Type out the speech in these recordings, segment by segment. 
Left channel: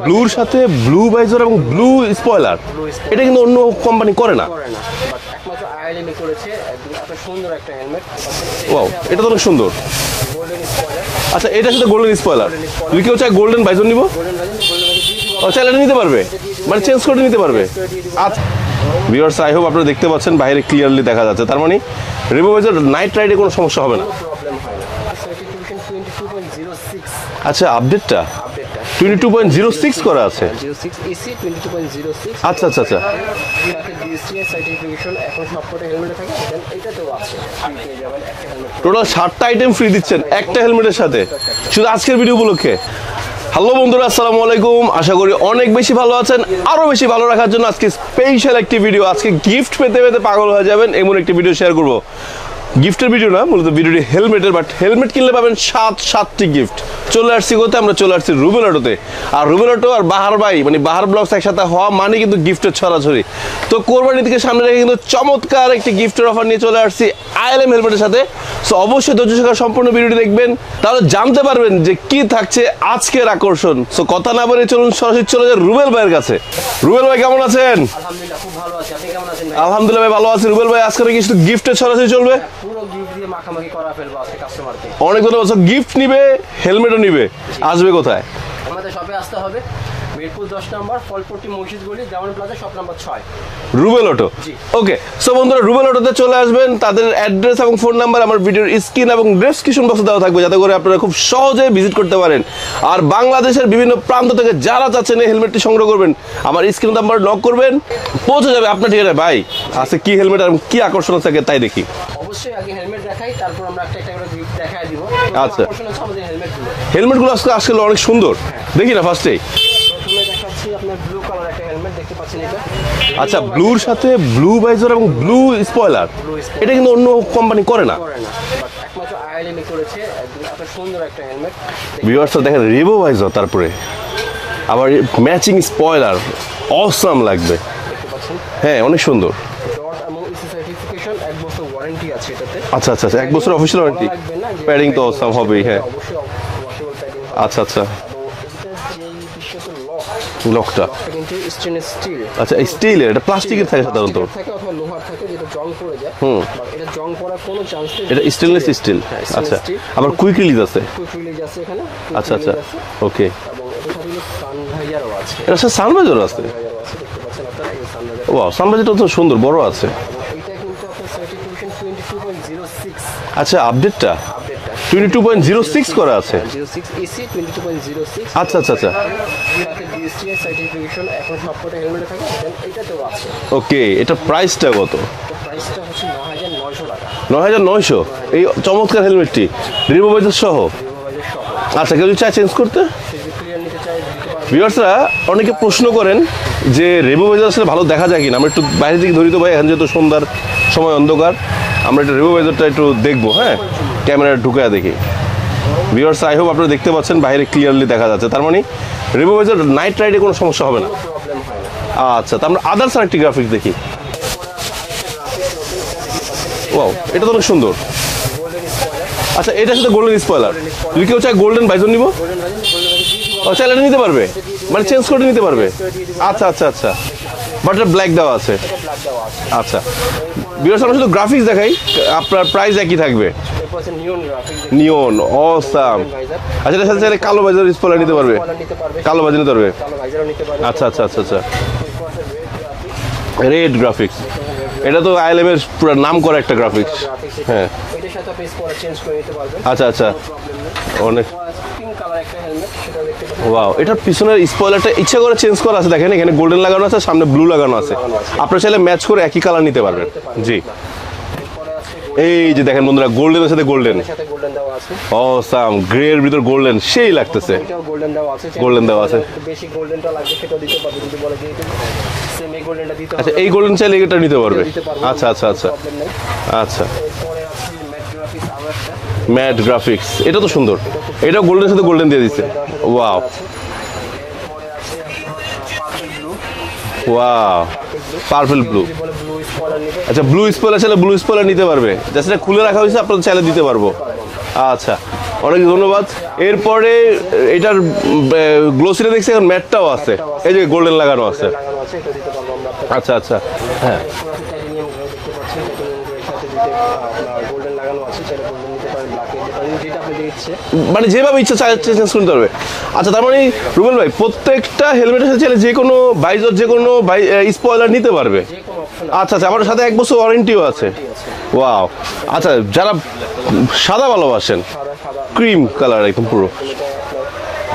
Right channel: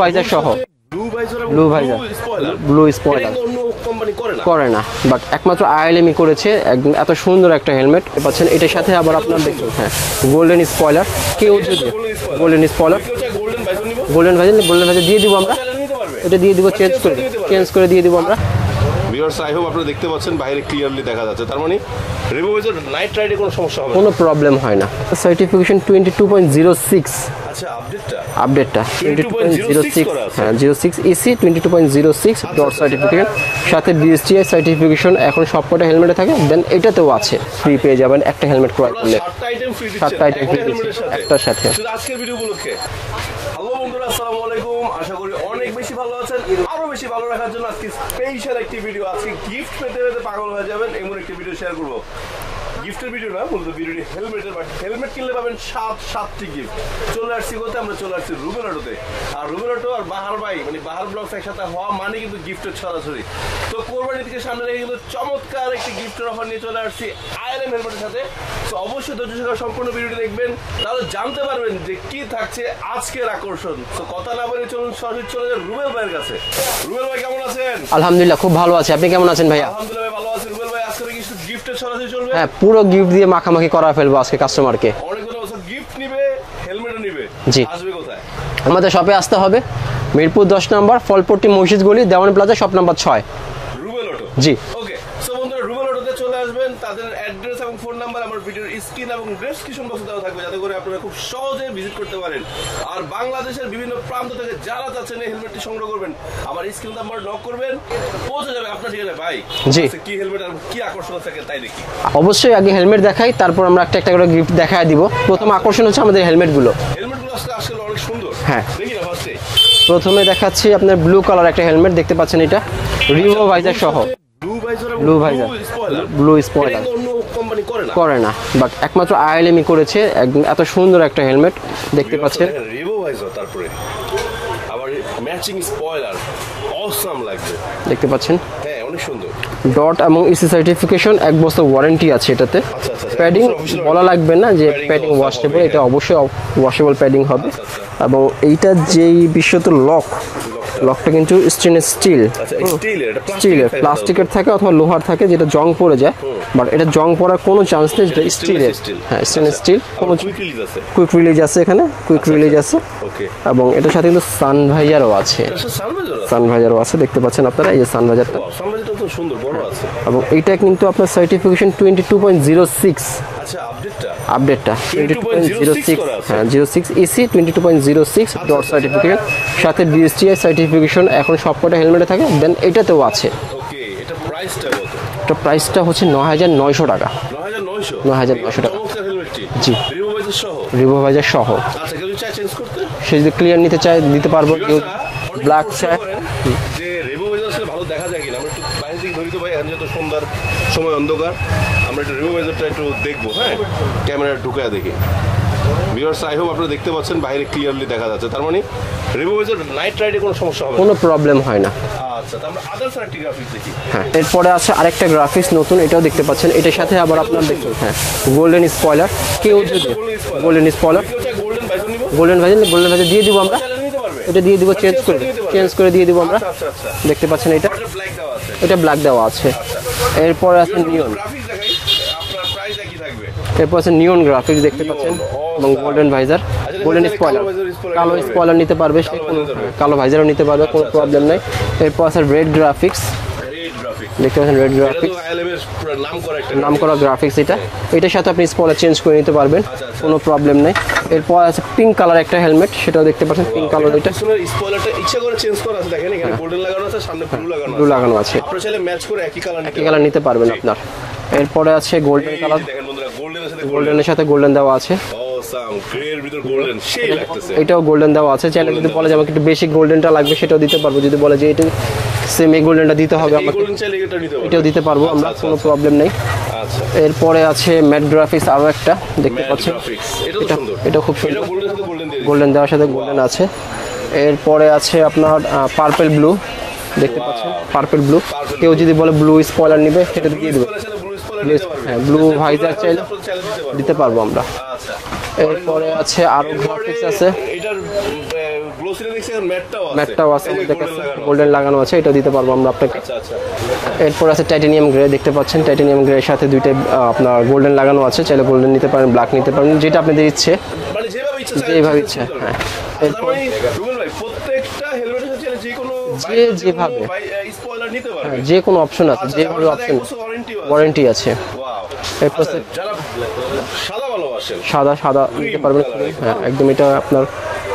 ব্লুর সাথে blue visor এবং ব্লু স্পয়লার এটা কিন্তু অন্য কোম্পানি করে না বাট একমাত্র আইএলএমই করেছে এত সুন্দর একটা হেলমেট পাচ্ছেন এটার সাথে আবার এটা তো সুন্দর গোল্ডেন স্পয়লার। আচ্ছা এটার সাথে গোল্ডেন স্পয়লার তুমি কেউ চাই গোল্ডেন ভাইজার নিব গোল্ডেন ভাইজার দিয়ে দিব আমরা। চাইলে নিতে পারবে এটা দিয়ে দিব মানে চেঞ্জ করে নিতে পারবে চেঞ্জ করে দিয়ে দিব আমরা। ভিউয়ার্স আই হোপ আপনারা দেখতে পাচ্ছেন বাইরে ক্লিয়ারলি দেখা যাচ্ছে তার মানে রিভো ভাইজার নাইট রাইডে কোনো সমস্যা হবে না কোনো প্রবলেম হয় না। সার্টিফিকেশন 22.06 আচ্ছা আপডেটটা 22.06 করা আছে 06 EC 22.06 আচ্ছা সার্টিফিকেট সাথে বিএসটিআই সার্টিফিকেশন এখন সবকটা হেলমেটে থাকে দেন এটাতেও আছে ফ্রি পেয়ে যাবেন একটা হেলমেট করে টোটাল 7টা আইটেম ফ্রি দিচ্ছেন একটা হেলমেটের সাথে শুধু আজকের ভিডিও উপলক্ষে। হ্যালো বন্ধুরা আসসালামু আলাইকুম, আশা করি অনেক বেশি ভালো আছেন। আরো বেশি ভালো রাখার জন্য আজকে স্পেশাল একটি ভিডিও, আজকে গিফট পেতে পেতে পাগল হয়ে যাবেন এমন একটি ভিডিও শেয়ার করব। গিফটের ভিডিও না, মূলত ভিডিওটি হেলমেটের, বাট হেলমেট কিনলে পাবেন সাতটি গিফট। চলে আসছি কোথায়? আমরা চলে আসছি রুবেল অটোতে। আর রুবেল অটো আর বাহার ভাই মানে বাহার ব্লগস একসাথে হওয়া মানে কিন্তু গিফটের ছড়াছড়ি। তো কোরবানি থেকে সামনে রেখে কিন্তু চমৎকার একটি গিফটের অফার নিয়ে চলে আসছি আইএলএম হেলমেটের সাথে। সো অবশ্যই ধৈর্য সহকারে সম্পূর্ণ ভিডিওটি দেখবেন, তাহলে জানতে পারবেন যে কি থাকছে আজকের আকর্ষণ। সো কথা না বলে চলুন সরাসরি চলে যাই রুবেল ভাইয়ের কাছে। রুবেল ভাই কেমন আছেন? আলহামদুলিল্লাহ খুব ভালো আছি, আপনি কেমন আছেন ভাই? আলহামদুলিল্লাহ ভাই ভালো আছি। রুবেল ভাই আজকে কি শুধু গিফটের ছড়াছড়ি চলবে? হ্যাঁ, পুরো গিফট দিয়ে মাখামাখি করা ফেলবো আজকে কাস্টমারকে। অনেক ধন্যবাদ। গিফট নিবে, হেলমেটও নিবে, আসবে কোথায়? আমাদের শপে আসতে হবে মিরপুর 10 নম্বর ফলপট্টি মসজিদ গলি Dewan plaza shop number 6 Rubel auto. জি ওকে। সো বন্ধুরা রুবেল অটোতে চলে আসবেন, তাদের অ্যাড্রেস এবং ফোন নাম্বার আমার ভিডিওর স্ক্রিন এবং ডেসক্রিপশন বক্সে দেওয়া থাকবে, যাতে করে আপনারা খুব সহজে ভিজিট করতে পারেন। আর বাংলাদেশের বিভিন্ন প্রান্ত থেকে যারা চাচ্ছেন এই হেলমেটটি সংগ্রহ করবেন, আমার স্ক্রিন নাম্বার নক করবেন, পৌঁছে যাবে আপনার ঠিকানায়। ভাই আজকে কি হেলমেট আর কি আকর্ষণ থাকে তাই দেখি। অবশ্যই আগে হেলমেট দেখাই, তারপর আমরা একটা করে গিফট দেখায় দিব। প্রথম আকর্ষণ হচ্ছে আমাদের হেলমেটগুলো আজকে অনেক সুন্দর। হ্যাঁ দেখি না, ফার্স্টেই প্রথমে দেখাচ্ছি আপনার ব্লু কালার একটা হেলমেট দেখতে পাচ্ছেন, এটা ব্লুর সাথে ব্লু ভাইজার এবং ব্লু স্পয়লার এটা কিন্তু অন্য কোম্পানি করে না বাট একমাত্র আইএলএমই করেছে এত সুন্দর একটা হেলমেট দেখেন। রিভো ভাইজার, তারপরে আবার ম্যাচিং স্পয়লার, অসাম লাগবে দেখতে পাচ্ছেন। হ্যাঁ অনেক সুন্দর। ডট এবং ইসি সার্টিফিকেশন 1 বছর ওয়ারেন্টি আছে এটাতে। আচ্ছা 1 বছর অফিশিয়াল বলা লাগবে না যে প্যাডিং তো হবে, এটা অবশ্যই ওয়াশেবল প্যাডিং হবে। আচ্ছা এবং এইটা যেই বিশ্বত লকটা কিন্তু স্টেনলেস স্টিল। আচ্ছা স্টিলের, এটা প্লাস্টিকের থাকে অথবা লোহার থাকে, যেটা জং পড়ে যায়, বাট এটা জং পড়ার কোনো চান্স নেই। এটা স্টেনলেস স্টিল। হ্যাঁ স্টেনলেস স্টিল। আবার কুইক রিলিজ আছে এখানে, কুইক রিলিজ আছে। ওকে। এবং এটার সাথে কিন্তু সানভাইজারও আছে। এটার সাথে সানভাইজারও আছে দেখতে পাচ্ছেন আপনারা, এই যে সানভাইজার। ওয়াও, সানভাইজারটা তো সুন্দর বড় আছে। এবং এইটা কিন্তু আপনার সার্টিফিকেশন 22.06। আচ্ছা আপডেটটা 22.06 করা আছে 06 EC 22.06 আচ্ছা সার্টিফিকেট সাথে বিএসটিআই সার্টিফিকেশন এখন সবকটা হেলমেটে থাকে দেন এটাতেও আছে। ওকে, এটা প্রাইসটা কত? এটা প্রাইসটা হচ্ছে ৯৯০০ টাকা। ৯৯০০ এই চমৎকার হেলমেটটি রিভো ভাইজার সহ। আচ্ছা কেউ যদি চায় চেঞ্জ করতে, সে যদি ক্লিয়ার নিতে চায় দিতে পারবো। ভিউয়ার্সরা অনেকে প্রশ্ন করেন যে রিভো ভাইজার আসলে ভালো দেখা যায় কিনা। আমরা একটু বাইরে থেকে ধরি তো ভাই, এখন যেহেতু সন্ধ্যার সময় অন্ধকার, আমরা একটু রিভো ভাইজারটা একটু দেখবো। হ্যাঁ ক্যামেরা ঢুকায় দেখি। ভিউয়ার্স আই হোপ আপনারা দেখতে পাচ্ছেন বাইরে ক্লিয়ারলি দেখা যাচ্ছে, তার মানে রিভো ভাইজার নাইট রাইডে কোনো সমস্যা হবে না, কোনো প্রবলেম হয় না। আচ্ছা তো আমরা আদার্স আরেকটি গ্রাফিক্স দেখি। হ্যাঁ এরপরে আছে আরেকটা গ্রাফিক্স নতুন, এটাও দেখতে পাচ্ছেন। এটার সাথে আবার এটা তো সুন্দর গোল্ডেন স্পয়লার। আচ্ছা এটার সাথে গোল্ডেন স্পয়লার তুমি কেউ চাই গোল্ডেন ভাইজার নিব? গোল্ডেন ভাইজার দিয়ে দিব আমরা। চাইলে নিতে পারবে, এটা দিয়ে দিব, মানে চেঞ্জ করে নিতে পারবে, চেঞ্জ করে দিয়ে দিব। আচ্ছা দেখতে পাচ্ছেন এটা ব্ল্যাক দেওয়া আছে, এটা ব্ল্যাক দেওয়া আছে। আচ্ছা এরপর ভিউয়ার্স আমরা শুধু গ্রাফিক্স দেখাই, আপনার প্রাইস একই থাকবে। এরপর আছে নিয়ন গ্রাফিক্স দেখতে পাচ্ছেন, নিয়ন অসাম গোল্ডেন ভাইজার। আচ্ছা এর সাথে কালো ভাইজার স্পয়লার নিতে পারবে, কালো ভাইজার নিতে পারবে, কালো ভাইজারও নিতে পারবে। আচ্ছা এরপর আছে রেড গ্রাফিক্স দেখতে পাচ্ছেন। এটা তো আইএলএম এর পুরো নাম করা একটা গ্রাফিক্স। এটার সাথে আপনি স্পয়লার চেঞ্জ করে নিতে পারবেন, আচ্ছা কোনো প্রবলেম নাই। এরপর আছে পিঙ্ক কালার একটা হেলমেট, সেটাও দেখতে পাচ্ছেন। এটা পিছনের স্পয়লারটা ইচ্ছা করে চেঞ্জ করা আছে, দেখেন এখানে গোল্ডেন লাগানো আছে, সামনে ব্লু লাগানো আছে। আপনারা চাইলে ম্যাচ করে একই কালার নিতে পারবেন। এরপরে আছে গোল্ডেন, এই যে দেখেন বন্ধুরা গোল্ডেনের সাথে গোল্ডেন দেওয়া আছে। অসাম, গ্রে এর ভিতর গোল্ডেন সেই লাগতেছে। এটাও গোল্ডেন দেওয়া আছে, আমাকে একটু বেসিক গোল্ডেনটা লাগবে সেটাও দিতে পারবো। যদি বলে যে এটা সেম এই গোল্ডেনটা দিতে হবে, এই গোল্ডেন চাইলে এটা নিতে পারবো। আচ্ছা প্রবলেম নেই। আচ্ছা এরপরে আছে ম্যাট গ্রাফিক্স, আরো একটা ম্যাট গ্রাফিক্স, এটা তো সুন্দর। এটা খুব এটা গোল্ডেনের সাথে গোল্ডেন দিয়ে দিয়েছে, গোল্ডেন দেওয়ার সাথে গোল্ডেন আছে। এরপরে আছে আপনার purple blue wow purple blue. Purple কেউ blue। যদি বলে ব্লু স্পয়লার নিবে, আচ্ছা ব্লু স্পয়লার চাইলে ব্লু স্পয়লার নিতে পারবে, blue জাস্ট খুলে visor রাখা হয়েছে, আপনারা চাইলে দিতে পারবো আমরা। আচ্ছা অনেক ধন্যবাদ। আছে আরো এরপরে আছে। এটার গ্লোসিটা দেখছি এখন ম্যাটটাও আছে, এই যে গোল্ডেন লাগানো আছে, গোল্ডেন লাগানো আছে, এটা দিতে পারবো আমরা আপনাকে। আচ্ছা আচ্ছা এরপর আছে টাইটানিয়াম গ্রে, দেখতে পাচ্ছেন টাইটানিয়াম গ্রে এর সাথে দুইটা আপনার গোল্ডেন লাগানো আছে, চাইলে গোল্ডেন নিতে পারেন, ব্ল্যাক নিতে পারেন, যেটা আপনাদের ইচ্ছে। মানে যেভাবে ইচ্ছা চাইলে যেভাবে চেঞ্জ করতে পারবে। আচ্ছা তার মানে রুবেল ভাই প্রত্যেকটা হেলমেটের সাথে চাইলে যে কোনো ভাইজার যে কোনো স্পয়লার নিতে পারবে, যে কোনো অপশন আছে। আচ্ছা আমার সাথে 1 বছর ওয়ারেন্টিও আছে। ওয়ারেন্টি আছে। ওয়াও আচ্ছা যারা সাদা ভালোবাসেন, সাদা ক্রিম নিতে পারবেন। কালার একদম পুরো একদম এটা আপনার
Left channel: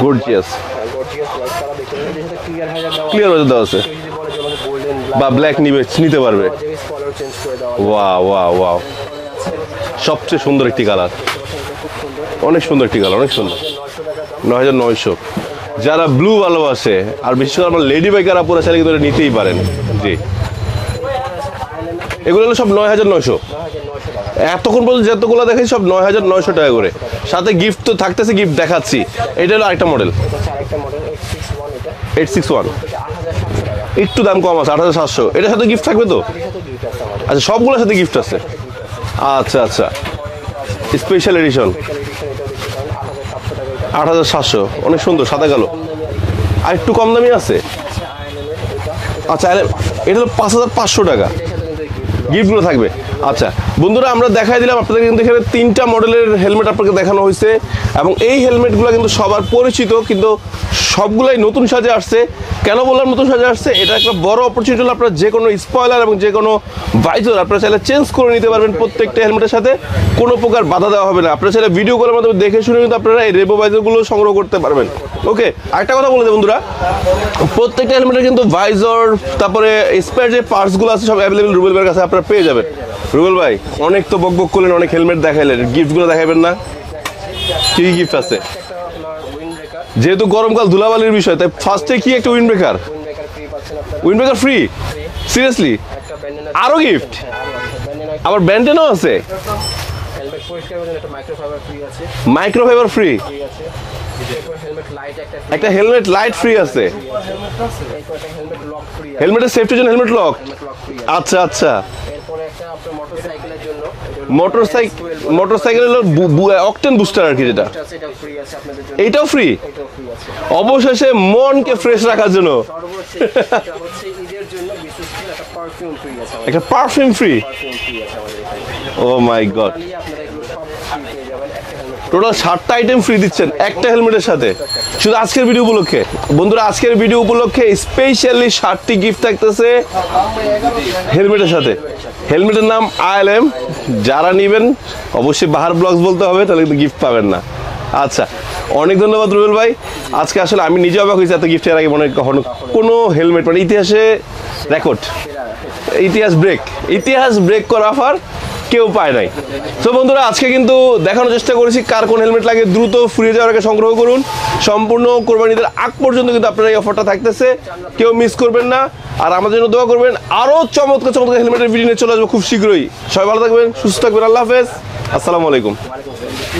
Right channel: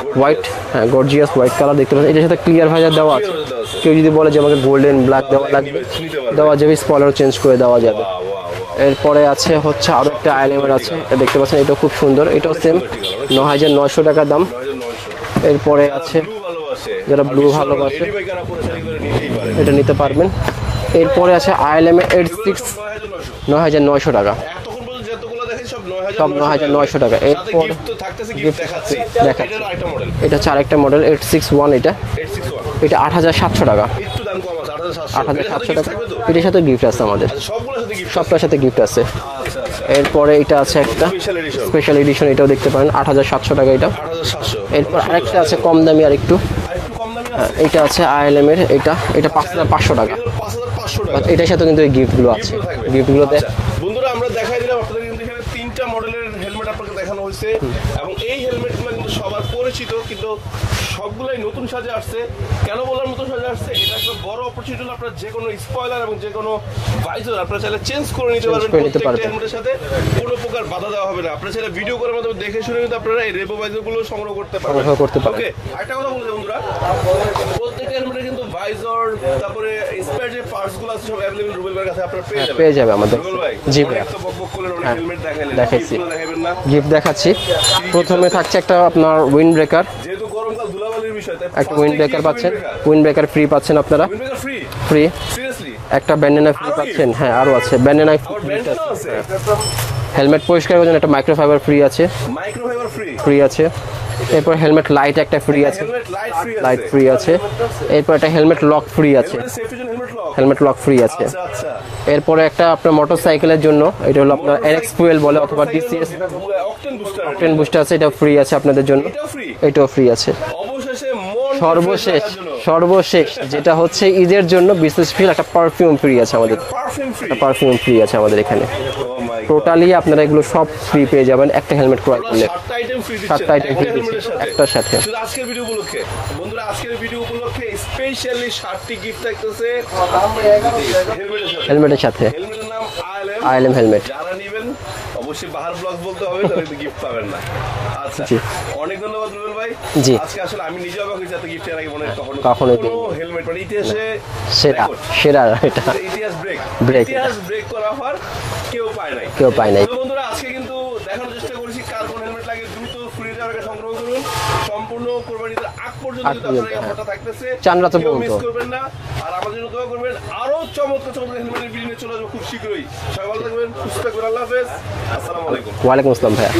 গর্জিয়াস, হ্যাঁ গর্জিয়াস হোয়াইট কালার দেখতে পাচ্ছেন, এটার সাথে ক্লিয়ার ভাইজার দেওয়া আছে। ক্লিয়ার হয়ে দেওয়া আছে, কেউ যদি বলে যে আমাকে গোল্ডেন বা ব্ল্যাক নিতে পারবে, দেওয়া যাবে, স্পয়লার চেঞ্জ করে দেওয়া যাবে। ওয়াও ওয়াও ওয়াও এরপরে আছে হচ্ছে আরো সবচেয়ে সুন্দর একটি কালার, এটা দেখতে পাচ্ছেন, এটা খুব সুন্দর, এটা অনেক সুন্দর একটি কালার, অনেক সুন্দর, 9900 টাকা দাম। 9900। এরপরে যারা আছে- ব্লু ভালোবাসে যারা আর blue বিশেষ করে ভালোবাসে। লেডি বাইকার আপুরা চাইলে কিন্তু এটা নিতেই পারেন, এটা নিতে জি। পারবেন। এরপরে আছে আইএলএম এর এগুলো হলো সব 9900। 9900 টাকা। এতক্ষণ পর্যন্ত যতগুলো দেখাই সব 9900 টাকা করে, 9900 টাকা। সাথে এরপর- গিফট তো থাকতেছে, গিফট দেখাচ্ছি। এটা হলো আরেকটা মডেল, এটা হচ্ছে আরেকটা মডেল 861, এটা 861, এটা 8700 টাকা। একটু দাম কম আছে 8700। এটার সাথে গিফট থাকবে তো? এটার সাথে গিফট আছে আমাদের, আচ্ছা সবগুলোর সাথে গিফট আছে, সবটার সাথে গিফট আছে। আচ্ছা আচ্ছা এরপরে এটা আছে একটা স্পেশাল এডিশন স্পেশাল এডিশন, এটাও দেখতে পারেন 8700 টাকা এটা। 8700, এরপর অনেক সুন্দর, আরেকটা সাদা আছে কালো, কম দামি আরেকটু, আর একটু কম দামি আছে। এটা আছে আইএলএম এর, এটা আচ্ছা 5500 টাকা। এটা হলো 5500 টাকা, এটার সাথে কিন্তু এই গিফটগুলো আছে। গিফটগুলো থাকবে। গিফটগুলো আচ্ছা বন্ধুরা আমরা দেখাই দিলাম আপনাদের, কিন্তু এখানে 3টা মডেলের হেলমেট আপনাকে দেখানো হয়েছে, এবং এই হেলমেটগুলো কিন্তু সবার পরিচিত, কিন্তু সবগুলাই নতুন সাজে আসছে। কেন বললাম নতুন সাজে আসছে, এটা একটা বড় অপরচুনিটি হলো আপনারা যে কোনো স্পয়লার এবং যে কোনো ভাইজার আপনারা চাইলে চেঞ্জ করে নিতে পারবেন করে নিতে প্রত্যেকটা পারবেন। হেলমেটের সাথে, কোনো প্রকার বাধা দেওয়া হবে না। আপনারা চাইলে ভিডিও কলের মাধ্যমে দেখে শুনে কিন্তু আপনারা এই রেবো ভাইজারগুলো সংগ্রহ করতে পারবেন। সংগ্রহ করতে পারবেন। ওকে আরেকটা কথা বলে দেব বন্ধুরা, প্রত্যেকটা হেলমেটের কিন্তু ভাইজার তারপরে স্পেয়ার যে পার্টসগুলো আছে সব অ্যাভেলেবল রুবেল ভাইয়ের কাছে আপনারা পেয়ে যাবেন। পেয়ে যাবে আমাদের। রুবেল ভাই জি অনেক তো বকবক করলেন, অনেক হেলমেট দেখাইলেন, গিফটগুলো দেখাবেন না? গিফট দেখাচ্ছি। কি gift প্রথমে আছে? থাকছে একটা আপনার উইন্ড ব্রেকার, যেহেতু গরমকাল ধুলাবালির বিষয়, তাই ফার্স্টে কি একটা wind breaker? Wind breaker free পাচ্ছেন আপনারা, wind breaker free? Free. Seriously? একটা ব্যান্ডেনা আরো gift? হ্যাঁ আরো আছে ব্যান্ডেনা। আবার ব্যান্ডেনও আছে? হেলমেট পরিষ্কার করার জন্য একটা মাইক্রোফাইবার ফ্রি আছে, মাইক্রোফাইবার ফ্রি? ফ্রি আছে। এরপর হেলমেট লাইট একটা ফ্রি একটা আছে, হেলমেট লাইট ফ্রি আছে? লাইট ফ্রি আছে। এরপর একটা হেলমেট লক ফ্রি আছে, হেলমেটের সেফটির জন্য helmet lock? Helmet lock free আছে। আচ্ছা আচ্ছা। এরপরে একটা আপনার মোটরসাইকেলের জন্য, এটা হলো মোটরসাইকেল, মোটরসাইকেলের অকটেন বুস্টার আর কি, যেটা বুস্টার আছে, এটা ফ্রি আছে আপনাদের জন্য। এটাও ফ্রি? এটাও ফ্রি আছে। অবশেষে মনকে ফ্রেশ রাখার জন্য সর্বশেষ যেটা হচ্ছে ঈদের জন্য বিশেষ ফ্রি একটা পারফিউম ফ্রি আছে আমাদের, একটা পারফিউম ফ্রি? পারফিউম ফ্রি আছে আমাদের এখানে। ও মাই গড, টোটালি আপনারা এগুলো সব ফ্রি পেয়ে যাবেন একটা হেলমেট করে। টোটাল 7টা আইটেম ফ্রি দিচ্ছেন 7টা item একটা free হেলমেটের সাথে, একটার সাথে। শুধু আজকের ভিডিও উপলক্ষে। বন্ধুরা আজকের ভিডিও উপলক্ষে স্পেশালি 7টি গিফট থাকতেছে হেলমেটের সাথে। হেলমেটের সাথে। হেলমেটের নাম আইএলএম হেলমেট। যারা নেবেন অবশ্যই বাহার ব্লগস বলতে হবে, তাহলে কিন্তু গিফট পাবেন না। আচ্ছা অনেক ধন্যবাদ রুবেল ভাই। জি। আজকে আসলে আমি নিজে অবাক হয়েছি, এত গিফট এর আগে মনে হয় কখনো কখনো কোনো হেলমেট মানে ইতিহাসে সেরা, রেকর্ড, সেরা এটা। ইতিহাস ব্রেক, ইতিহাস ব্রেক করা অফার কেউ পায় নাই। কেউ পায় নাই। তো বন্ধুরা আজকে কিন্তু দেখানোর চেষ্টা করেছি কার কোন হেলমেট লাগে, দ্রুত ফুরিয়ে যাওয়ার আগে সংগ্রহ করুন। সম্পূর্ণ কোরবানিদের আগ পর্যন্ত কিন্তু আপনার এই অফারটা থাকতেছে, চান রাত কেউ পর্যন্ত। মিস করবেন না। আর আমাদের জন্য দোয়া করবেন, আরো চমৎকার চমৎকার হেলমেটের ভিডিও নিয়ে চলে আসবো খুব শীঘ্রই। সবাই ভালো থাকবেন, সুস্থ থাকবেন, আল্লাহ হাফেজ, আসসালামু আলাইকুম। ওয়ালাইকুম আসসালাম ভাইয়া।